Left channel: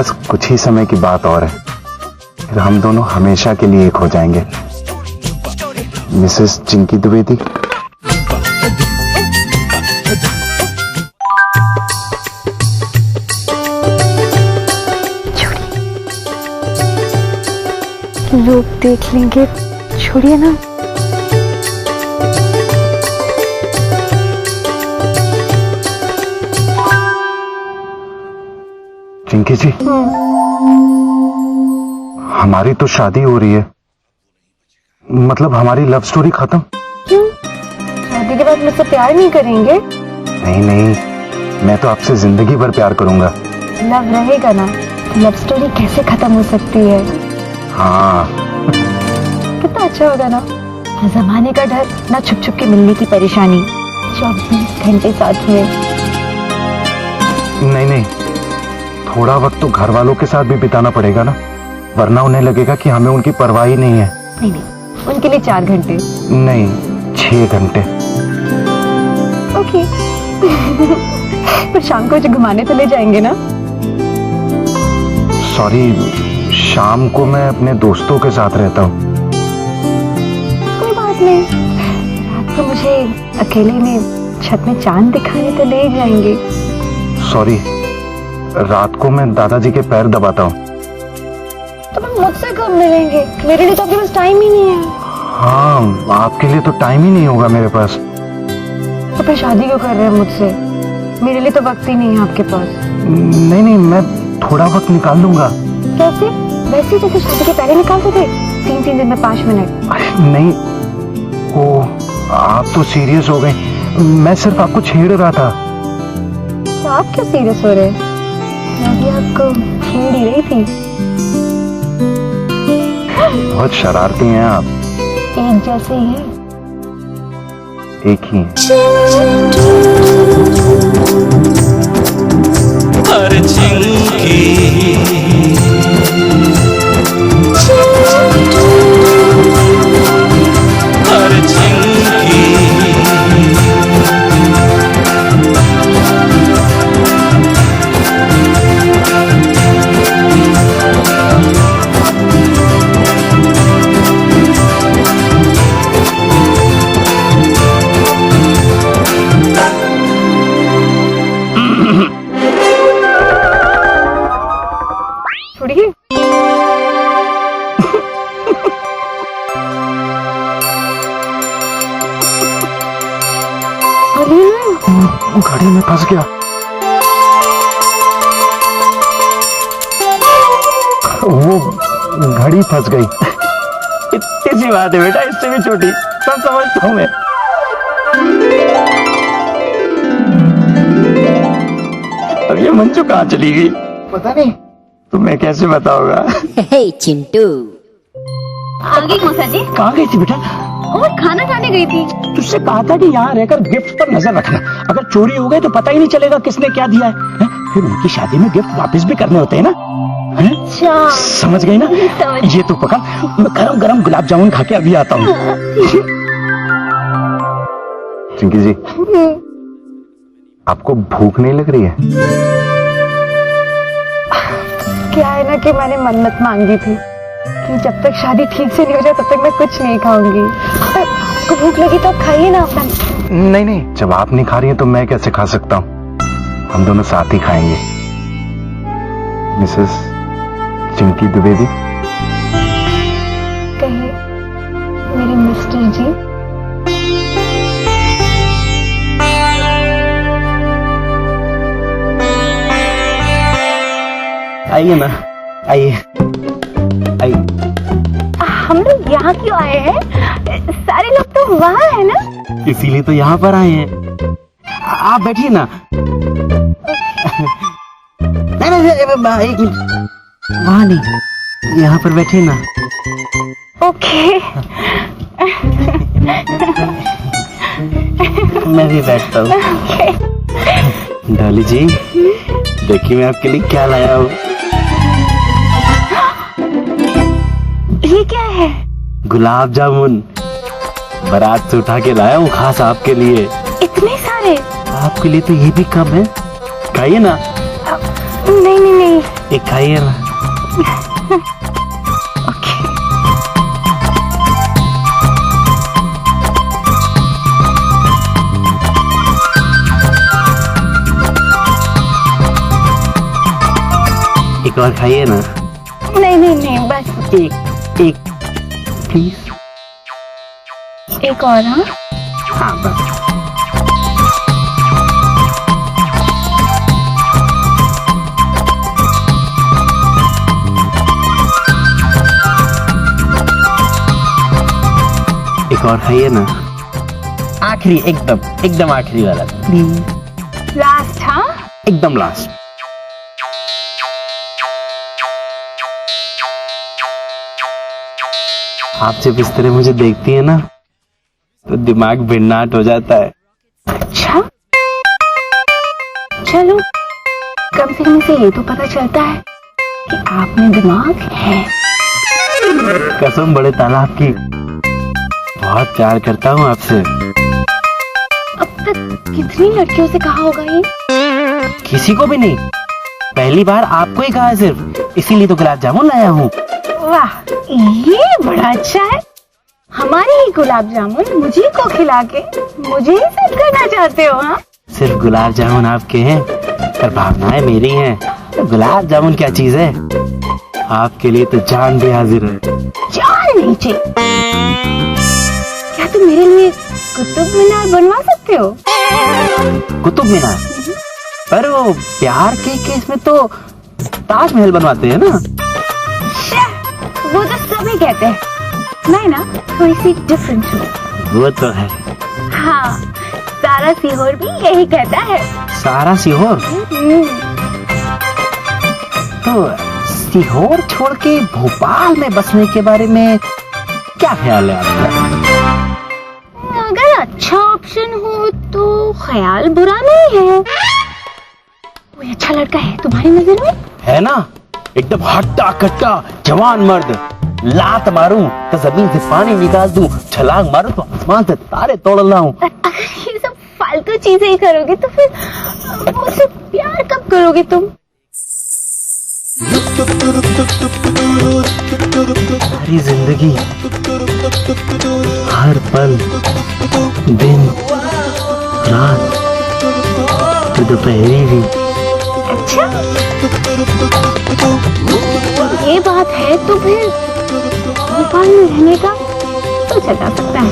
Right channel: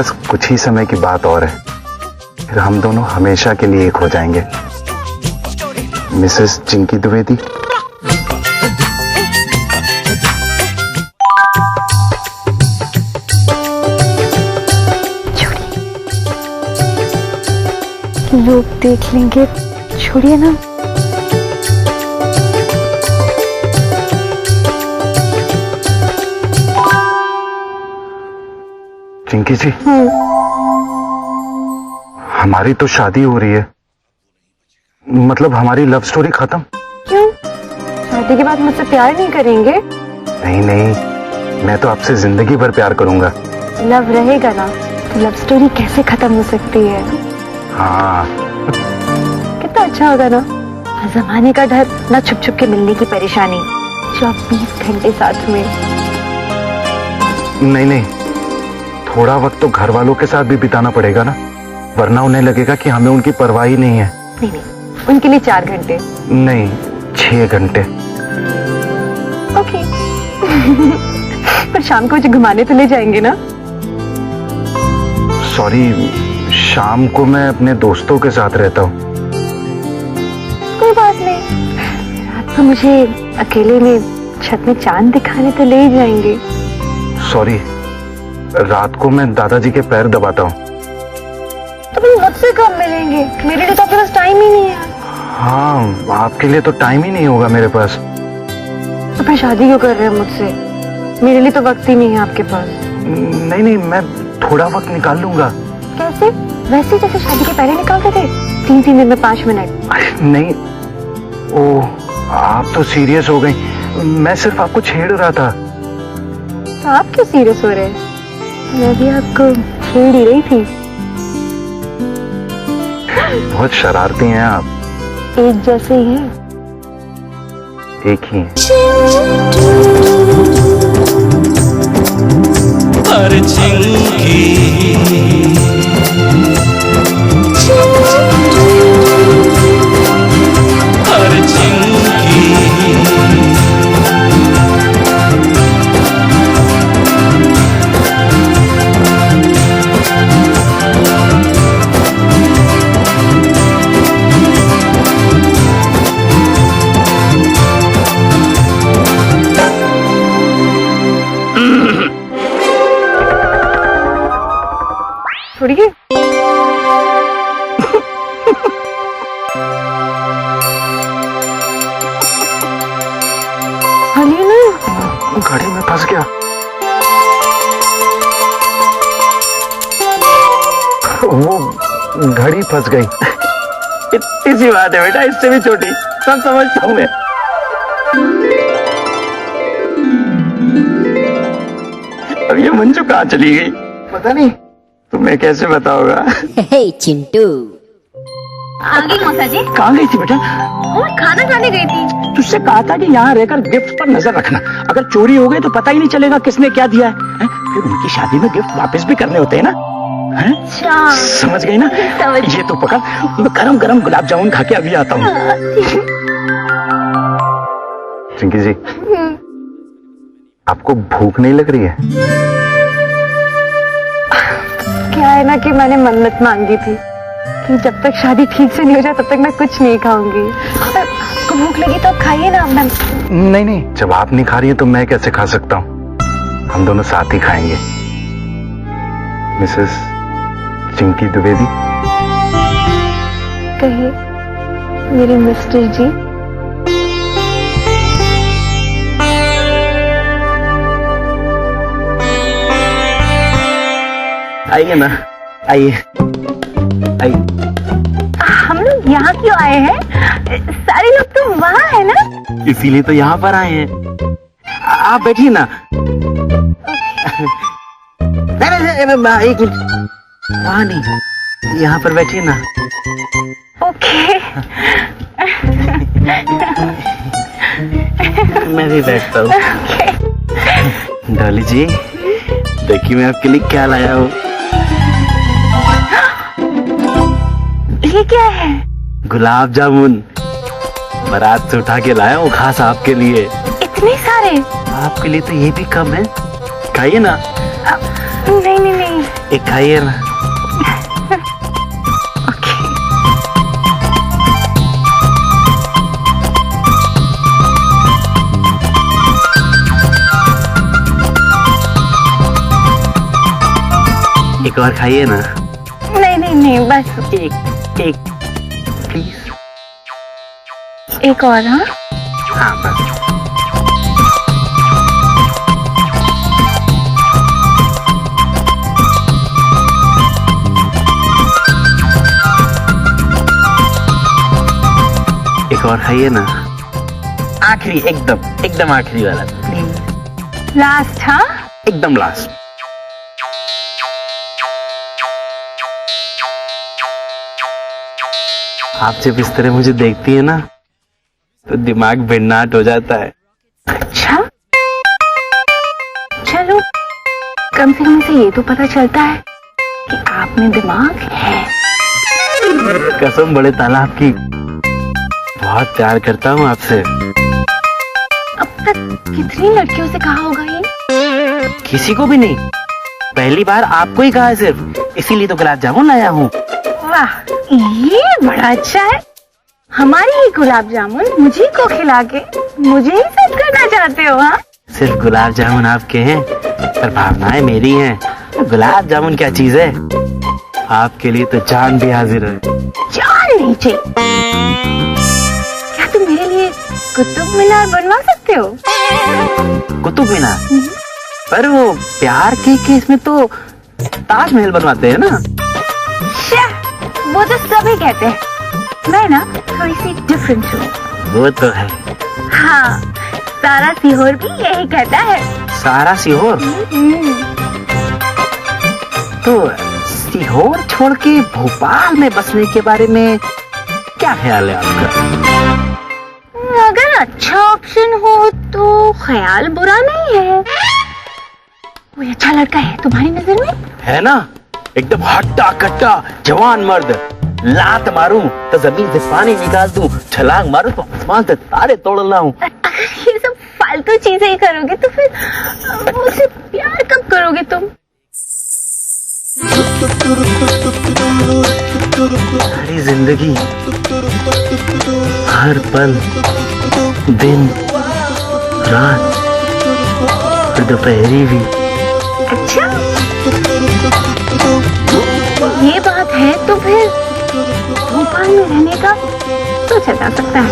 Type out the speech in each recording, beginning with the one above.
बस कुछ ही समय की बात और है, फिर हम दोनों हमेशा के लिए एक हो जाएंगे। मिसेस चिंकी द्विवेदी। लोग देख लेंगे, छोड़िए ना। चिंकी जी, हमारी तो शादी हो रही है, मतलब हमारी लव स्टोरी खत्म। क्यों? शादी के बाद मुझसे प्यार नहीं करेंगे? नहीं नहीं, मैं तो आपसे जिंदगी भर प्यार करूंगा। लव रहेगा ना, लव स्टोरी कैसे खत्म हो सकती है? हाँ। कितना अच्छा होगा ना, जमाने का डर, ना छुप छुप के मिलने की परेशानी, 24 घंटे साथ में। नहीं नहीं, थोड़ा वक्त तो घर वालों के साथ भी बिताना पड़ेगा ना, वरना उन्हें लगेगा कि हमें उनकी परवाह ही नहीं है। नहीं नहीं, उनके लिए 4 घंटे नहीं, 6 घंटे। ओके। पर शाम को मुझे घुमाने तो ले जाएंगे ना? सॉरी, शाम को मैं अपने दोस्तों के साथ रहता हूँ। कोई बात नहीं, रात को मुझे अकेले में छत में चांद दिखाने तो ले ही जाएंगे। सॉरी, रात को मैं दादाजी के पैर दबाता हूँ। तो फिर मुझसे कब मिलेंगे? मेरे लिए तो आपके पास टाइम ही नहीं है। हाँ, आपके लिए तो टाइम ही नहीं होगा मेरे पास। तो फिर शादी क्यों कर रहे हैं मुझसे? मेरे लिए तो वक्त ही नहीं है आपके पास। नहीं नहीं, मैं थोड़ा वक्त निकाल लूंगा। कैसे? वैसे जैसे शादी के पहले निकालते थे, 3-3 दिन में 5 मिनट। नहीं, ओ, आप तो सीरियस हो गई, मैं सिर्फ आपको छेड़ रहा था। तो आप क्यों सीरियस हो रहे? मैं भी आपको छेड़ ही रही थी। बहुत शरारती हैं आप। एक जैसे ही हैं। एक ही हैं। हर चिंकी हर चिंकी छोड़िए। घड़ी में फंस गया। वो घड़ी फंस गई। इतनी सी बात है बेटा, इससे भी छोटी, सब समझता हूं मैं। अब ये मंजू कहाँ चली गई? पता नहीं। तुम्हें कैसे बताओगा? चिंटू आ गई मौसा जी। कहाँ गई थी बेटा? और खाना खाने गई थी। तुझसे कहा था कि यहाँ रहकर गिफ्ट पर नजर रखना, अगर चोरी हो गए तो पता ही नहीं चलेगा किसने क्या दिया है? फिर उनकी शादी में गिफ्ट वापस भी करने होते हैं ना? अच्छा, समझ गई ना? ये तो पकड़, मैं गरम गरम गुलाब जामुन खा के अभी आता हूँ। चिंकी जी, आपको भूख नहीं लग रही है? क्या है ना कि मैंने मन्नत मांगी थी कि जब तक शादी ठीक से नहीं हो जाए तब तक मैं कुछ नहीं खाऊंगी। आपको भूख लगी तो आप खाइए ना। नहीं नहीं, जब आप नहीं खा रही हैं तो मैं कैसे खा सकता हूँ? हम दोनों साथ ही खाएंगे। मिसेस चिंकी द्विवेदी। कहिए मेरे मिस्टर जी। आइए ना, आइए आइए। हम लोग यहाँ क्यों आए हैं? सारे लोग तो वहाँ है ना? इसीलिए तो यहाँ पर आए हैं। आप बैठिए ना। नहीं नहीं, एक मिनट, वहाँ नहीं, यहाँ पर बैठिए ना। ओके। मैं भी बैठता हूँ। डॉली जी, देखिए मैं आपके लिए क्या लाया हूँ। ये क्या है? गुलाब जामुन, बारात से उठा के लाया हूँ खास आपके लिए। इतने सारे? आपके लिए तो ये भी कम है, खाइए ना। नहीं नहीं नहीं, एक खाइए ना। एक और खाइए ना। नहीं नहीं नहीं, बस एक प्लीज। एक और। हाँ, हाँ बस। एक और खाइए ना। आखिरी, एकदम आखिरी वाला प्लीज। लास्ट। हाँ, एकदम लास्ट। आप जब इस तरह मुझे देखती है ना तो दिमाग भिन्नाट हो जाता है। अच्छा चलो, कम से कम इसे ये तो पता चलता है कि आप में दिमाग है। कसम बड़े तालाब की, बहुत प्यार करता हूँ आपसे। अब तक कितनी लड़कियों से कहा होगा ये? किसी को भी नहीं, पहली बार आपको ही कहा है सिर्फ, इसीलिए तो गुलाब जामुन लाया हूँ। वाह, ये बड़ा अच्छा है। हमारी ही गुलाब जामुन मुझे को खिला के मुझे ही सेट करना चाहते हो? हाँ, सिर्फ गुलाब जामुन आपके हैं पर भावनाएं मेरी हैं। तो गुलाब जामुन क्या चीज है, आपके लिए तो जान भी हाजिर है। जान नहीं चाहिए। क्या तुम मेरे लिए कुतुब मीनार बनवा सकते हो? कुतुब मीनार? पर वो प्यार के केस में तो ताजमहल बनवाते हैं ना। वो तो सभी कहते हैं, मैं ना थोड़ी सी डिफरेंट हूँ। वो तो है। हाँ, सारा सीहोर भी यही कहता है। सारा सीहोर? तो सीहोर छोड़ के भोपाल में बसने के बारे में क्या ख्याल है आपका? अगर अच्छा ऑप्शन हो तो ख्याल बुरा नहीं है। कोई अच्छा लड़का है तुम्हारी नजर में? है ना, एकदम हट्टा कट्टा जवान मर्द। लात मारूं तो जमीन से पानी निकाल दूं, छलांग मारूं तो आसमान से तारे तोड़ लाऊं। अगर ये सब फालतू चीजें ही करोगे तो फिर मुझसे प्यार कब करोगे तुम? सारी जिंदगी, हर पल, दिन, रात और दोपहरी भी। अच्छा, ये बात है तो फिर भोपाल में रहने का सोचा जा सकता है।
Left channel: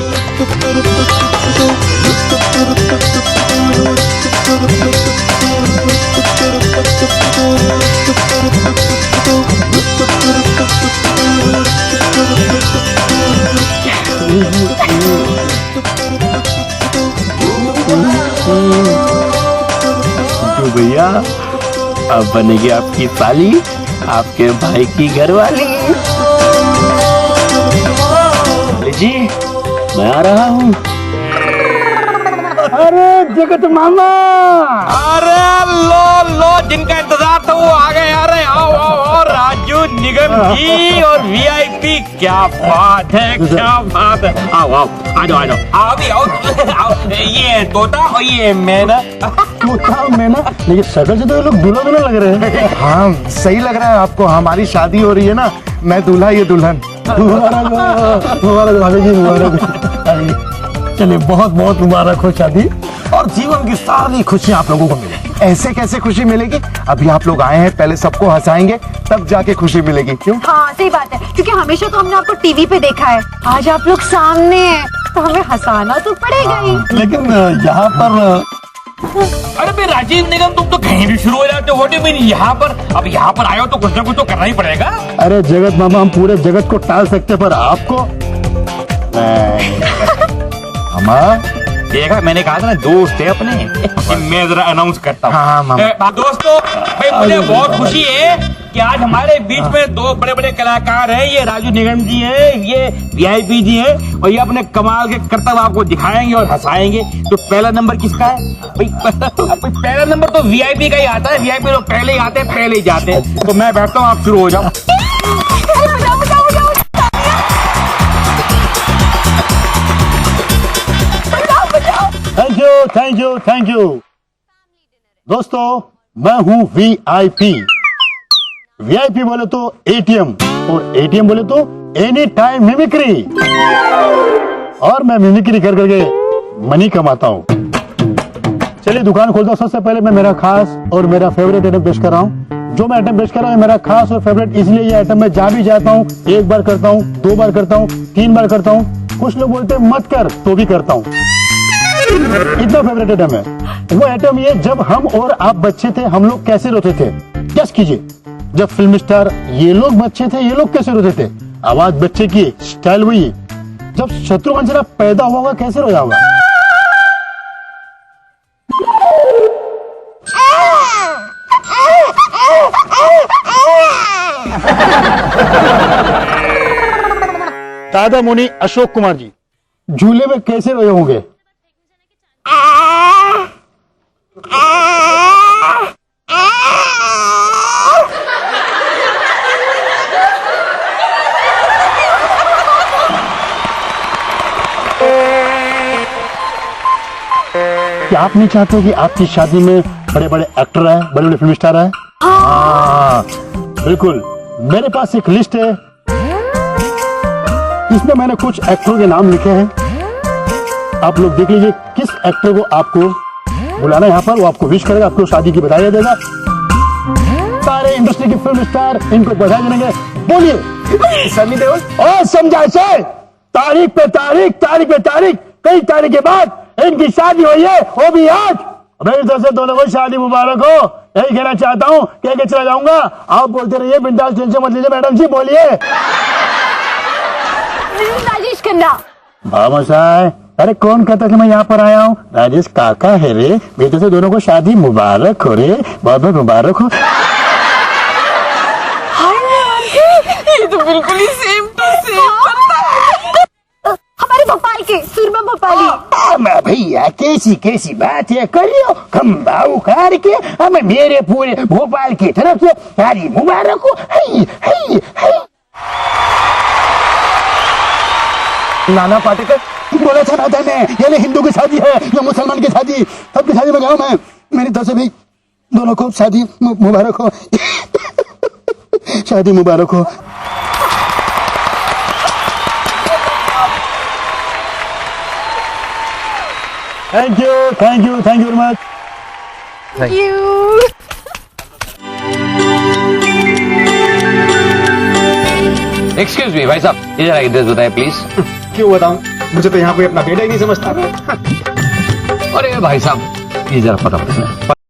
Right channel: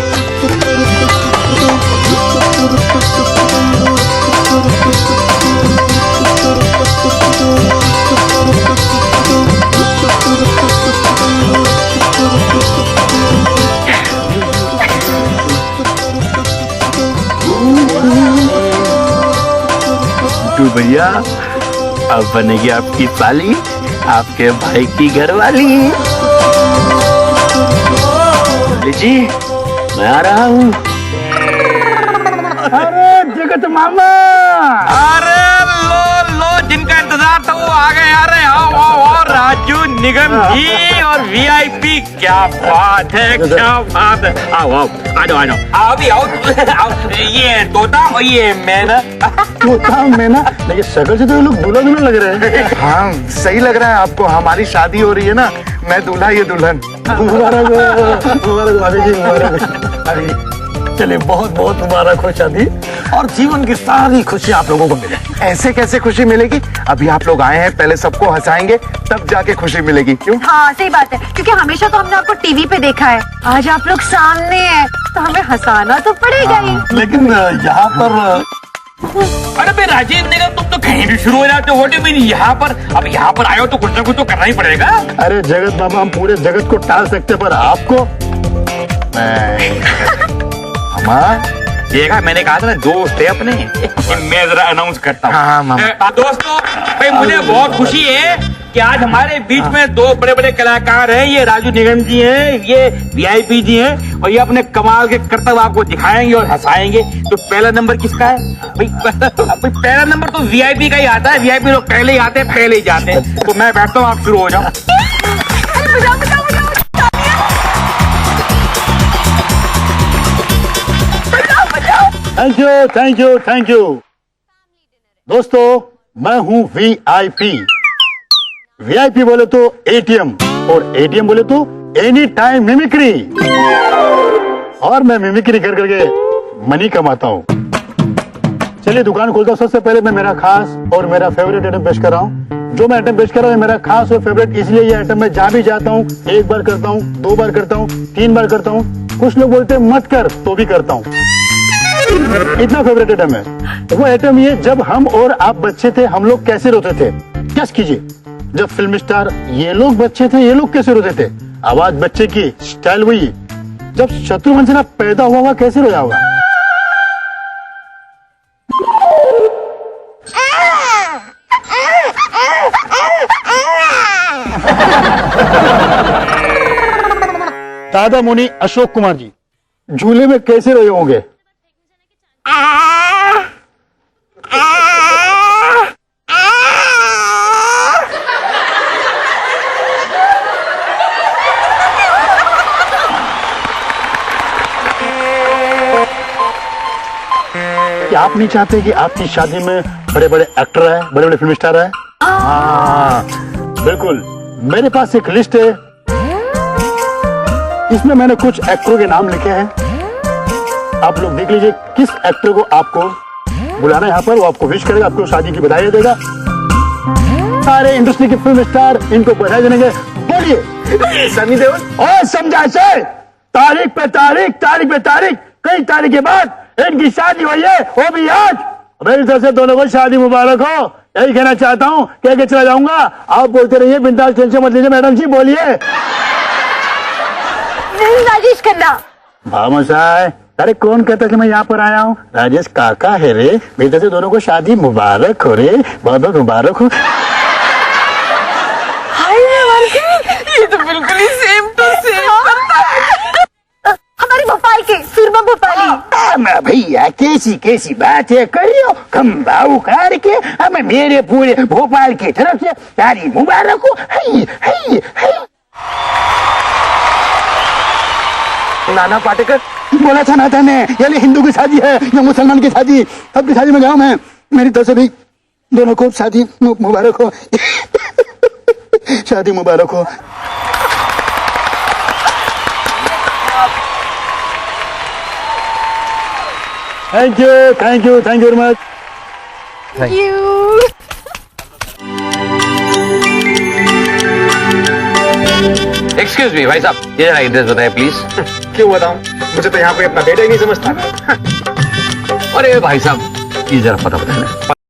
भैया, अब बनेगी आपकी साली, आपके भाई की घरवाली। जी, मैं आ रहा हूँ। अरे जगत मामा, अरे लो जिनका इंतजार था वो आ गए। अरे आओ आओ आओ, राजू निगम जी और वीआईपी, क्या बात है, क्या बात है। आओ आओ, आ जाओ आ जाओ, आओ भी आओ। ये तोता और ये मैना। तोता मैना, लेकिन शक्ल से तो ये लोग दूल्हा दूल्हा लग रहे हैं। हाँ, सही लग रहा है आपको। हमारी शादी हो रही है ना, मैं दूल्हा ये दुल्हन। मुबारक भाभी जी, मुबारक। चलिए, बहुत बहुत मुबारक हो शादी, और जीवन की सारी खुशियां आप लोगों को मिले। ऐसे कैसे खुशी मिलेगी? अभी आप लोग आए हैं, पहले सबको हंसाएंगे तब जाके खुशी मिलेगी। क्यों? हाँ, सही बात है, क्योंकि हमेशा तो हमने आपको टीवी पे देखा है, आज आप लोग सामने हैं तो हमें हंसाना तो पड़ेगा ही। लेकिन यहाँ पर अरे भाई राजीव निगम, तुम तो कहीं भी शुरू हो जाते हो। व्हाट डू मीन यहाँ पर? अब यहाँ पर आए हो तो कुछ ना कुछ तो करना ही पड़ेगा। अरे जगत मामा, हम पूरे जगत को टाल सकते, पर आपको देखा, मैंने कहा था ना, दोस्त है अपने। कि मैं जरा अनाउंस करता हूँ। हाँ, मामा। दोस्तों, भाई मुझे बहुत खुशी है कि आज हमारे बीच में दो बड़े बड़े कलाकार हैं। ये राजू निगम जी हैं, ये वीआईपी जी हैं, और ये अपने कमाल के करतब आपको दिखाएंगे और हंसाएंगे। तो पहला नंबर किसका है भाई? पहला नंबर तो वीआईपी का ही आता है। वीआईपी लोग पहले ही आते हैं, पहले ही जाते हैं। तो मैं बैठता हूँ, आप शुरू हो जाओ। Thank you, thank you, thank you. दोस्तों, मैं हूं वीआईपी, वीआईपी बोले तो एटीएम, और एटीएम बोले तो एनी टाइम मिमिक्री। और मैं मिमिक्री कर करके मनी कमाता हूँ। चलिए दुकान खोलता हूँ। सबसे पहले मैं मेरा खास और मेरा फेवरेट आइटम पेश कर रहा हूँ। जो मैं आइटम पेश कर रहा हूँ मेरा खास और फेवरेट, इसलिए ये आइटम मैं जहाँ भी जाता हूँ 1 बार करता हूँ, 2 बार करता हूँ, 3 बार करता हूँ। कुछ लोग बोलते हैं मत कर, तो भी करता हूँ। इतना फेवरेट आइटम है। वो आइटम ये, जब हम और आप बच्चे थे हम लोग कैसे रोते थे? गेस कीजिए। जब फिल्म स्टार ये लोग बच्चे थे, ये लोग कैसे रोते थे? आवाज बच्चे की, स्टाइल वही। जब शत्रुघ्न सिन्हा पैदा हुआ होगा कैसे रोया होगा? दादा मुनि अशोक कुमार जी झूले में कैसे रोए होंगे? क्या आप नहीं चाहते कि आपकी शादी में बड़े बड़े एक्टर आए, बड़े बड़े फिल्म स्टार आए? हाँ बिल्कुल। मेरे पास एक लिस्ट है, इसमें मैंने कुछ एक्टरों के नाम लिखे हैं। आप लोग देख लीजिए किस एक्टर को आपको बुलाना है यहाँ पर। वो आपको विश करेगा, आपको शादी की बधाई देगा। सारे इंडस्ट्री के फिल्म स्टार इनको बधाई देंगे। बोलिए सनी देओल। और समझा से तारीख पे तारीख, तारीख पे तारीख, कई तारीख के बाद इनकी शादी हुई है, वो भी आज। मेरी तरफ से दोनों को शादी मुबारक हो, यही कहना चाहता हूँ। कह के चला जाऊंगा। आप बोलते रहिए, बिंदास, टेंशन मत लीजिए। मैडम जी बोलिए। राजेश खन्ना। भामसाय, अरे कौन कहता कि मैं यहाँ पर आया हूँ? राजेश काका है रे। मेरी तरफ से दोनों को शादी मुबारक हो रे, बहुत बहुत मुबारक हो। ये तो बिल्कुल ही सेम टू सेम हमारे भोपाल के सुरमा भोपाली। भैया कैसी कैसी बात है करियो, खम्बाऊ कार के हमें मेरे पूरे भोपाल की तरफ से शादी मुबारक हो। है, है, है। नाना पाटेकर बोला था नाता ने, ये हिंदू की शादी है या मुसलमान की शादी, सबकी शादी में गया मैं। मेरी तरफ से भी दोनों को शादी मुबारक हो। शादी मुबारक हो। Thank you, thank you, thank you very much. Excuse me भाई साहब, ये जरा एड्रेस बताए प्लीज। क्यों बताऊं? मुझे तो यहाँ कोई अपना बेटा ही नहीं समझता। अरे भाई साहब, ये जरा पता बताए।